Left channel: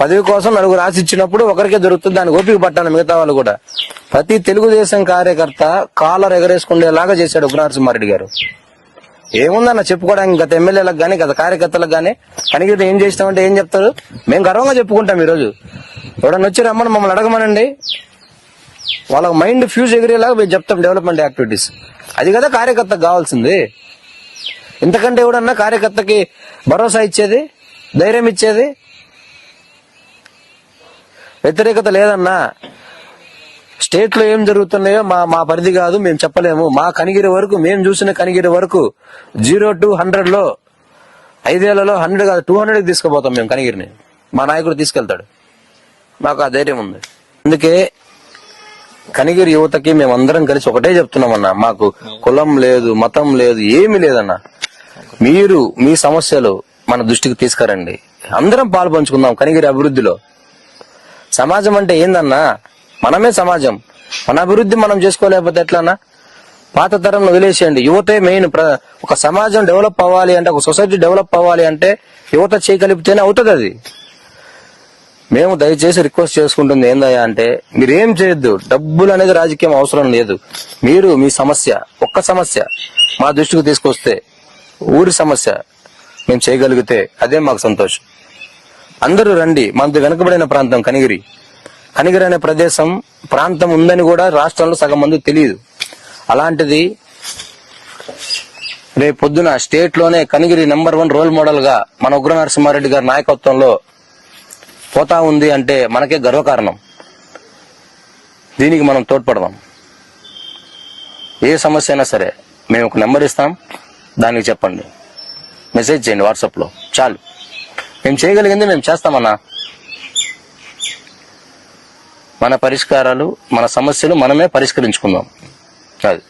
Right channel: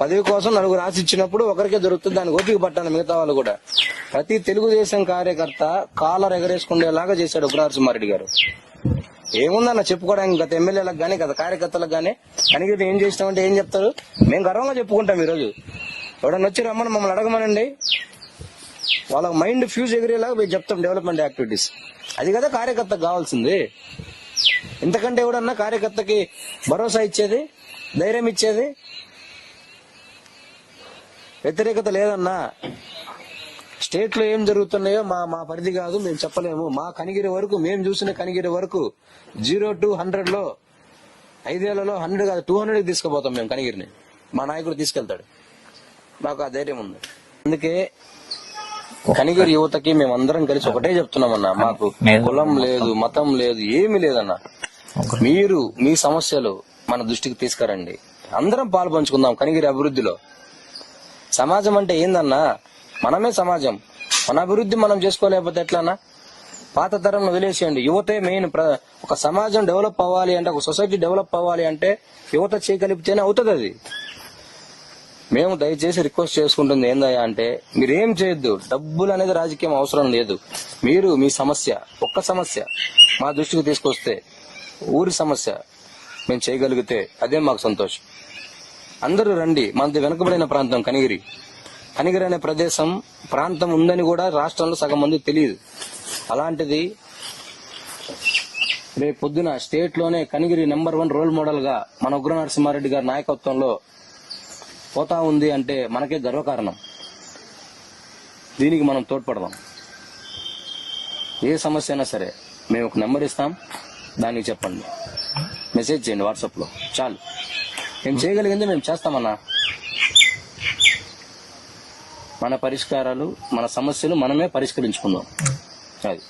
పదవి కోసం నలుగురు రాసి ఇచ్చినప్పుడు ఒకరికే దొరుకుతుంది. దానికి ఓపిక పట్టాను మిగతా వాళ్ళు కూడా. ప్రతి తెలుగుదేశం కార్యకర్త కాలర్ ఎగరేసుకునేలాగా చేశాడు ఉగ్రనరసింహారెడ్డి గారు. ఏముందన్న చెప్పుకోవడానికి గత ఎమ్మెల్యేలకు గానీ గత కార్యకర్తలకు గానీ కనీసం ఏం చేసినామంటే ఏం చెప్తారు? మేము గర్వంగా చెప్పుకుంటాం ఈరోజు. ఎవడన్నా వచ్చి రమ్మని మమ్మల్ని అడగమనండి. వాళ్ళ మైండ్ ఫ్యూజ్ ఎగిరేలాగా మేము చెప్తాం డెవలప్మెంట్ యాక్టివిటీస్. అది కదా కార్యకర్తకు కావాల్సింది. ఇంతకంటే ఎవడన్నా కార్యకర్తకి భరోసా ఇచ్చేది? ధైర్యం ఇచ్చేది? వ్యతిరేకత లేదన్నా స్టేట్లో ఏం జరుగుతున్నాయో మా మా పరిధి కాదు మేము చెప్పలేము. మా కనిగిరి వరకు మేము చూసిన కనిగిరి వరకు జీరో టు హండ్రెడ్లో ఐదేళ్ళలో హండ్రెడ్ కాదు టూ హండ్రెడ్ తీసుకుపోతాం మేము కనిగిరిని. మా నాయకుడు తీసుకెళ్తాడు. మాకు ఆ ధైర్యం ఉంది. అందుకే కనిగిరి యువతకి మేమందరం కలిసి ఒకటే చెప్తున్నామన్నా మాకు కులం లేదు మతం లేదు ఏమీ లేదన్నా. మీరు మీ సమస్యలు మన దృష్టికి తీసుకురండి. అందరం పాలు పంచుకుందాం కనిగిరి అభివృద్ధిలో. సమాజం అంటే ఏందన్నా? మనమే సమాజం. మన అభివృద్ధి మనం చేసుకోలేకపోతే ఎట్లన్నా? పాత తరంలో వదిలేసేయండి. యువతే మెయిన్ ప్ర- ఒక సమాజం డెవలప్ అవ్వాలి అంటే ఒక సొసైటీ డెవలప్ అవ్వాలి అంటే యువత చేయగలిగితేనే అవుతుంది అది. మేము దయచేసి రిక్వెస్ట్ చేసుకుంటుంది ఏందయ్యా అంటే మీరేం చేయొద్దు. డబ్బులు అనేది రాజకీయం అవసరం లేదు. మీరు మీ సమస్య ఒక్క సమస్య మా దృష్టికి తీసుకొస్తే ఊరి సమస్య మేము చేయగలిగితే అదే మాకు సంతోషం. అందరూ రండి. మనది వెనుకబడిన ప్రాంతం కనిగిరి. కనిగిరి అనే ప్రదేశం ప్రాంతం ఉందని కూడా రాష్ట్రంలో సగం మంది తెలియదు. అలాంటిది రేపు పొద్దున స్టేట్లోనే కనిగిరి నెంబర్ వన్ రోల్ మోడల్గా మన ఉగ్ర నరసింహారెడ్డి గారి నాయకత్వంలో పోతా ఉంది అంటే మనకే గర్వకారణం. దీనికి మనం తోడ్పడదాం. ఏ సమస్య అయినా సరే మేము ఒక నెంబర్ ఇస్తాం. దానికి చెప్పండి. మెసేజ్ చేయండి వాట్సాప్లో. చాలు. మేము చేయగలిగింది మేము చేస్తామన్నా. మన పరిష్కారాలు మన సమస్యలు మనమే పరిష్కరించుకుందాం. అది.